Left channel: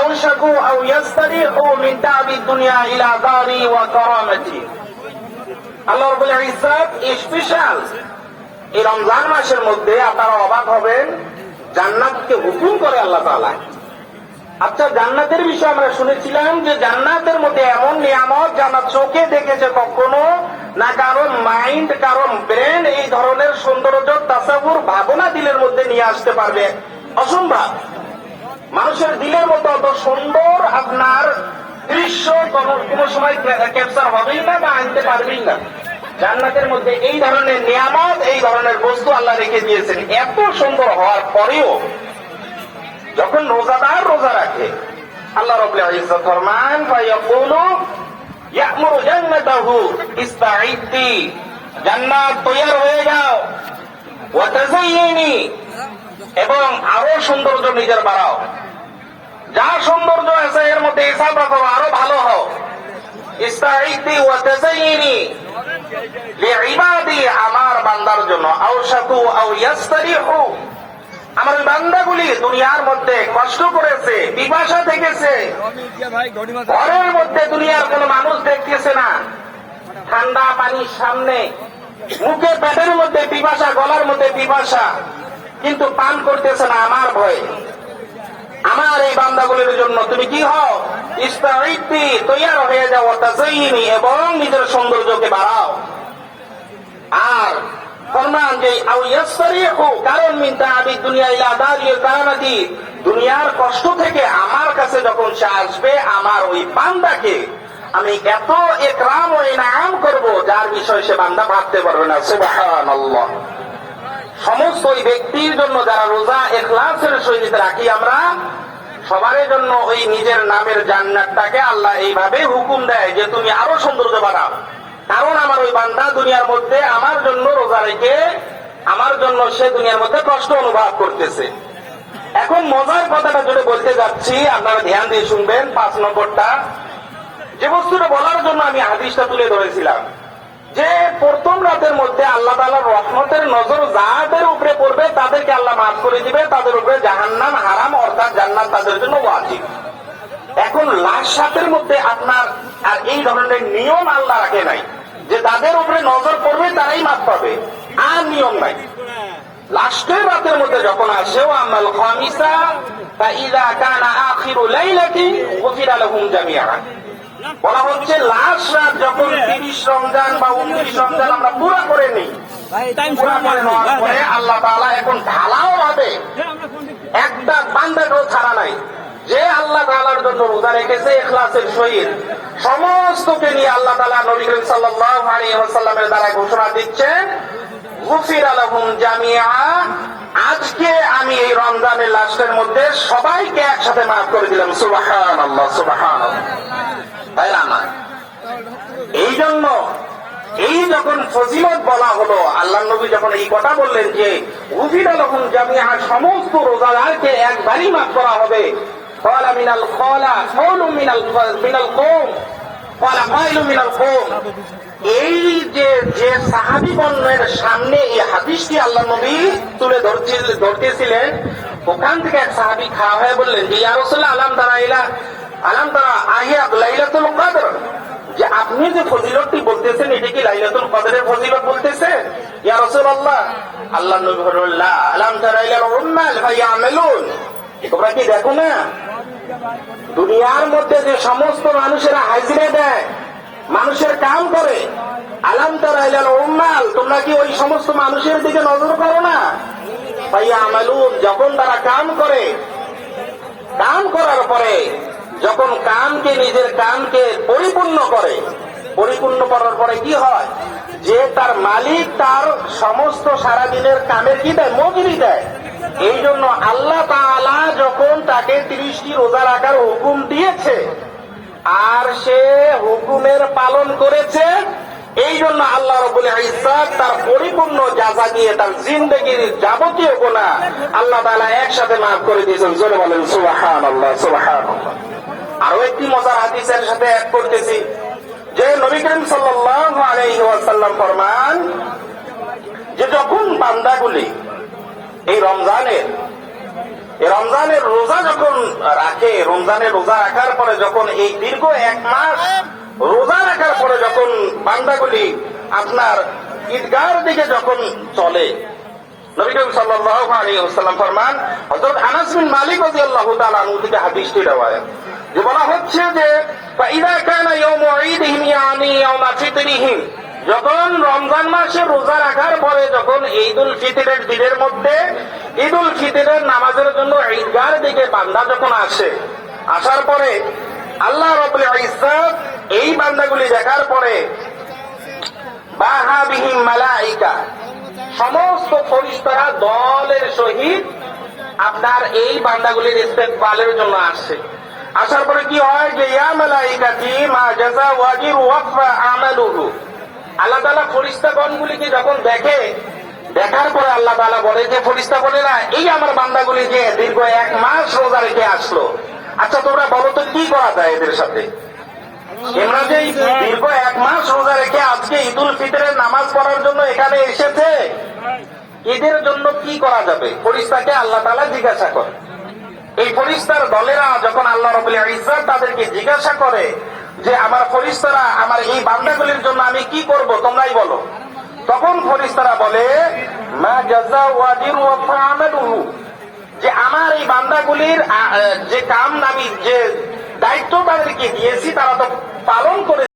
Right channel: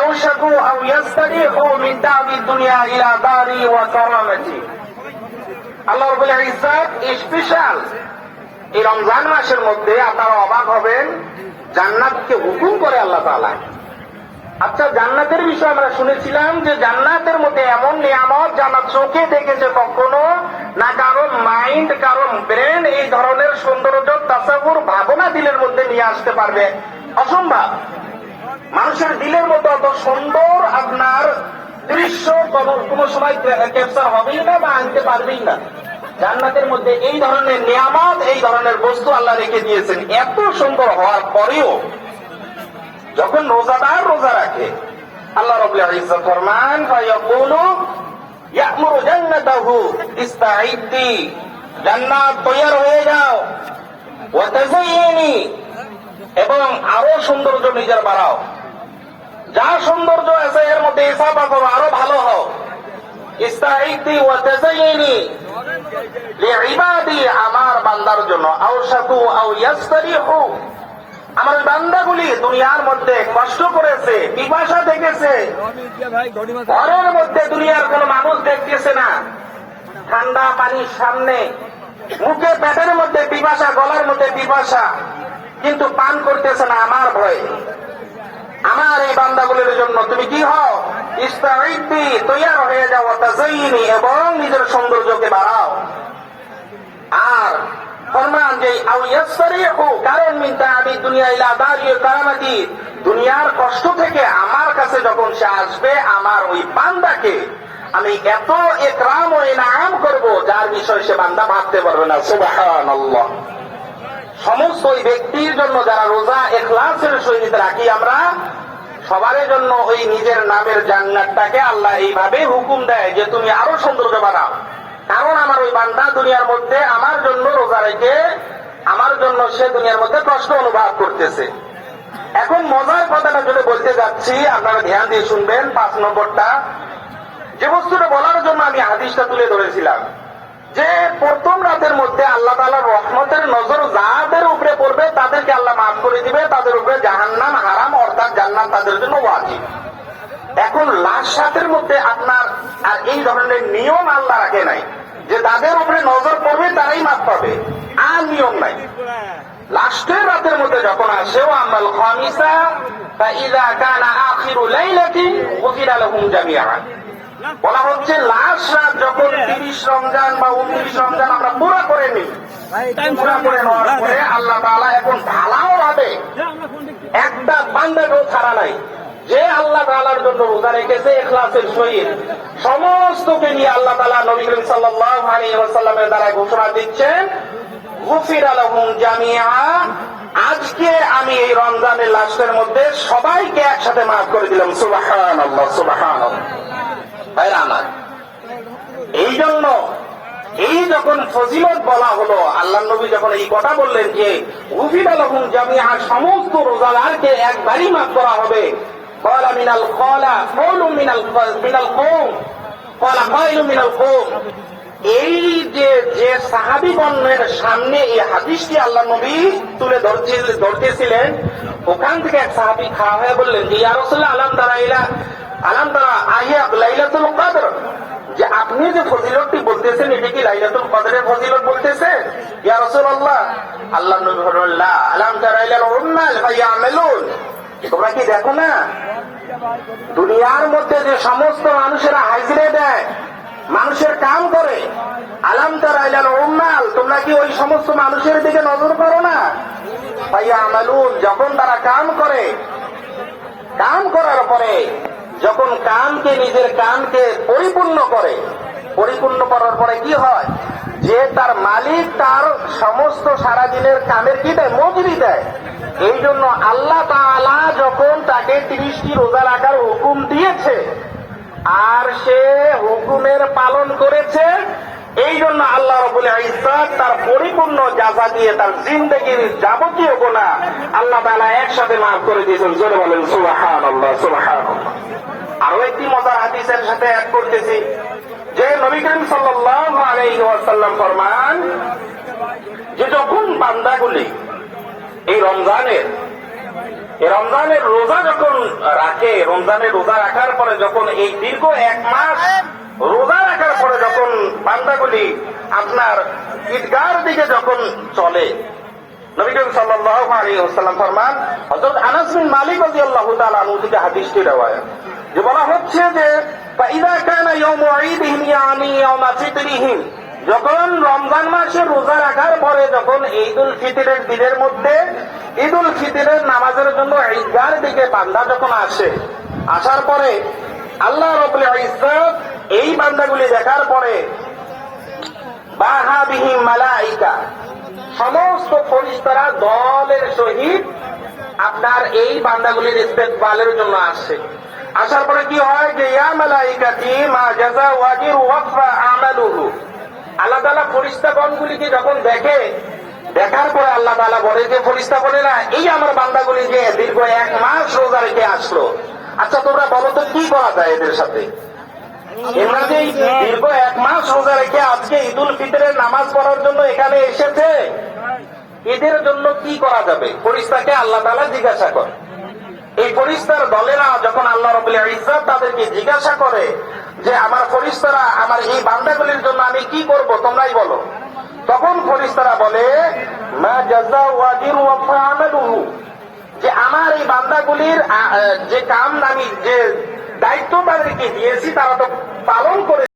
আওশাকু আও ইয়াস্তারিহু মিন তা'বিদ দুনিয়া ইলা দারি ওয়া কারামাতি। আল্লাহ রাব্বুল ইজ্জত স্পেশাল এই রমজান মাসের মধ্যে আপনারা অবাক হবেন, জান্নাতকে হুকুম করে আল্লাহ তাআলা। আচ্ছা, জান্নাতের বিষয়ে আমরা শুনেছিলাম যে জান্নাতের মধ্যে এমন নিয়ামত যারা চোখে দেখেছে কখনো না, কারো মাইন্ড কারো ব্রেন এই ধরনের সৌন্দর্য তাসাবুর ভাবনা দিলের মধ্যে নিয়ে আসতে পারবে, অসম্ভব। মানুষের দিলের মধ্যে অত সুন্দর আপনার দৃশ্য কোন সময় ক্যাপচার হবেই না বা আনতে পারবেই না। জান্নাতের মধ্যে এই ধরনের নিয়ামত, এই ধরনের বস্তু আল্লাহ রেখে দিয়েছেন। এত সুন্দর হওয়ার পরেও যখন রোজাদার রোজা রাখে, আল্লাহ রাব্বুল ইজ্জত ফরমান ফায়াকুলু ইয়ামুরু জান্নাতাহু ইস্তাঈদ্দি, জান্নাত তৈরি হয়ে যাও, ওয়া তাযায়্যানি, এবং আরো সৌন্দর্য নিজের বাড়াও, যা সৌন্দর্য আছে এর মধ্যে ইসাফা করো, আরো ভালো হও। ইস্তাঈদ্দি ওয়া তাযায়্যানি লিইবাদি, আমার বান্দার জন্য। আওশাকু আও ইয়াস্তারিহু, আমার বান্দাগুলি দুনিয়ার মধ্যে কষ্ট করেছে, পিপাসা থেকেছে, ঘরের মধ্যে দুনিয়ার কোন মানুষ দেখতেছে না, ঠান্ডা পানির সামনে, মুখে পেটের মধ্যে পিপাসা, গলার মধ্যে পিপাসা, কিন্তু পান করতেছে না আমার ভয়ে। আমার এই বান্দাগুলির জন্য তুমি কি হও, ইস্তাঈদ্দি, তৈরি হয়ে যাও, তাযায়্যানি, এবং নিজের সৌন্দর্যকে বাড়াও। আর ফরমান যে আও ইয়াসরিহু, কারণ মিন তা'বিদ দুনিয়া ইলা দারিল কারামাতি, দুনিয়ার কষ্ট থেকে আমার কাছে যখন সে আসবে, আমার ওই বান্দাকে আমি এত ইকরাম ও ইনাম করব যার বিষয়ে সে বান্দা ভাবতে পারবে না। সুবহানাল্লাহ। সমস্ত ওই ব্যক্তির জন্য যারা রোজা ইখলাসের সহিত রাখি আমরা, সবার জন্য ওই নিজের নামের জান্নাতটাকে আল্লাহ এইভাবে হুকুম দেয় যে তুমি আরো সৌন্দর্য বাড়াও। কারণ আমার ওই বান্দা দুনিয়ার মধ্যে আমার জন্য রোজা রেখে আমার জন্য সে দুনিয়ার মধ্যে কষ্ট অনুভব করতেছে। এখন মজার কথাটা যেটা বলতে যাচ্ছি, আপনারা ধ্যান দিয়ে শুনবেন। 5 নম্বরটা, যে বস্তুটা বলার জন্য আমি হাদিসটা তুলে ধরেছিলাম, যে প্রথম রাতের মধ্যে আল্লাহ তাআলার রহমতের নজর যাদের উপরে পড়বে তাদেরকে আল্লাহ মাফ করে দিবে, তাদের উপরে জাহান্নাম হারাম, অর্থাৎ জান্নাত তাদের জন্য ওয়াজিব। এখন লাস্ট রাতের মধ্যে আপনার আর এই ধরনের নিয়ম আল্লাহ রাখে নাই যে তাদের উপরে নজর পড়বে তারাই মাফ পাবে, আর নিয়ম নাই। লাস্টের রাতের মধ্যে যখন আসে, আমাল খামিসা ফাইযা কানা আখিরু লাইলাতিন ওয়াকিরা লাহুম জামিআ, বলা হচ্ছে লাস্ট রাত যখন 30 রমজান বা 29 রমজান আমরা পুরো করে নিই, আল্লাহ তাআলা এখন ভালো হবে একটা বান্দাকেও ছাড়া নাই, যে আল্লাহ তাআলার জন্য রোজা রেখেছে ইখলাসের সহিত, সমস্তকে নিয়ে আল্লাহ তাআলা নবী করিম সাল্লাল্লাহু আলাইহি ওয়াসাল্লামের দ্বারা ঘোষণা দিচ্ছেন, গুফিরা লাহুম জামিআ, আজকে আমি এই রমজানের লাস্টের মধ্যে সবাইকে একসাথে মাফ করে দিলাম। সুবহানাল্লাহ, সুবহানাল্লাহ। তাই না? এই জন্য এই যখন ফজিলত বলা হলো, আল্লাহ নবী যখন এই কথা বললেন যে গুফিরা লাহুম জামিআ, সমস্ত রোজাদারকে একবারই মাফ করা হবে, ক্বালা মিনাল ক্বালা কওলুম মিনাল কওম, ক্বালা কাইলুম মিনাল কওম, এই যে সাহাবীগণের সামনে এই হাদিসটি আল্লাহ নবী তুলে ধরতেছিলেন, ওখান থেকে এক সাহাবী খাওয়া হয়ে বললেন যে ইয়া রাসূলুল্লাহ, আলাম তারা আহিয়া লাইলাতুল কদর, যে আপনি যে ফজিলতটি বলতেছেন এটা কি লাইলাতুল কদরের ফজিলত বলতেছেন? ইয়া রাসূলুল্লাহ, আল্লাহ নবী বললেন লা, আলাম তারা ইলা উম্মাল ফায়ামালুন, তোমরা কি দেখো না দুনিয়ার মধ্যে যে সমস্ত মানুষেরা হাজিরা দেয়, মানুষের কাম করে, আলাম তারা ইলাল উম্মাল, তোমরা কি ওই সমস্ত মানুষের দিকে নজর করো না? ফায়ামালুন, যখন তারা কাম করে, কাম করার পরে যখন কামকে নিজের কামকে পরিপূর্ণ করে, পরিপূর্ণ করার পরে কি হয়, যে তার মালিক তার সমস্ত সারাদিনের কামের কি দেয়, মজুরি দেয়। এই জন্য আল্লাহ তাআলা যখন তাকে 30টি রোজা রাখার হুকুম দিয়েছে আর সে হুকুমের পালন করেছে, এই জন্য আল্লাহ রাব্বুল ইজ্জত তার পরিপূর্ণ জাযা দিয়ে তার জিন্দেগীর যাবতীয় গুনাহ আল্লাহ তাআলা একসাথে মাফ করে দিয়েছেন। জোরে বলেন সুবহানাল্লাহ, সুবহানাল্লাহ। আরো একটি মজার হাদিসের সাথে অ্যাড করতেছি, যে নবী করিম সাল্লাল্লাহু আলাইহি ওয়াসাল্লাম ফরমান যে যখন বান্দাগুলি এই রমজানের এই রমজানের রোজা যখন রাখে, রমজানের রোজা রাখার পরে যখন এই দীর্ঘ 1 মাস রোজা রাখার পরে যখন বান্দাগুলি আপনার ঈদগাহর দিকে যখন চলে, নবী করিম সাল্লাল্লাহু আলাইহি ওয়াসাল্লাম ফরমান, হযরত আনাস বিন মালিক রাদিয়াল্লাহু তাআলা আনহু থেকে হাদিসটি রওয়ায়াত, যে বলা হচ্ছে যে ফাইদা কানা ইয়াউমু ঈদিহিম ইয়ানি ইয়াউমা ফিতরিহিম, যখন রমজান মাসে রোজা রাখার পরে যখন ঈদুল ফিতরের দিনের মধ্যে ঈদুল ফিতরের নামাজের জন্য ঈদগাহর দিকে বান্দা যখন আসে, আসার পরে আল্লাহ রাব্বুল ইজ্জত এই বান্দাগুলি দেখার পরে বাহা বিহিম মালাইকা, সমস্ত ফেরেশতারা দলের সহিত আপনার এই বান্দাগুলির ইস্তেকবালের জন্য আসছে। আসার পরে কি হয় যে ইয়া মালাইকাতি মা জাযা ওয়াজির ওয়াফা আমালুহু, আল্লাহ তাআলা ফেরেশতাগণগুলিকে যখন দেখে, দেখার পরে আল্লাহ তাআলা বলে যে ফেরেশতা বলে না, এই আমার বান্দাগুলি যে দীর্ঘ 1 মাস রোজা রেখে আসলো, আচ্ছা তোমরা বলো তো কি করা যায় এদের সাথে? এরা যে দীর্ঘ 1 মাস রোজা রেখে আজকে ঈদুল ফিতরের নামাজ পড়ার জন্য এখানে এসেছে, এদের জন্য কি করা যাবে? ফেরেশতাকে আল্লাহ তাআলা জিজ্ঞাসা করে। এই ফেরেশতার দলেরা যখন আল্লাহ রাব্বুল ইজ্জত তাদেরকে জিজ্ঞাসা করে যে আমার ফেরেশতারা আমার এই বান্দাগুলির জন্য আমি কি করব, তোমরাই বলো। তখন ফেরেশতারা বলে মা জাযাউ ওয়াজির ওয়া ফা'মালুহু, যে আমার এই বান্দাগুলির যে কাম আমি যে দায়িত্ব তাদেরকে দিয়েছি তারা তো পালন করে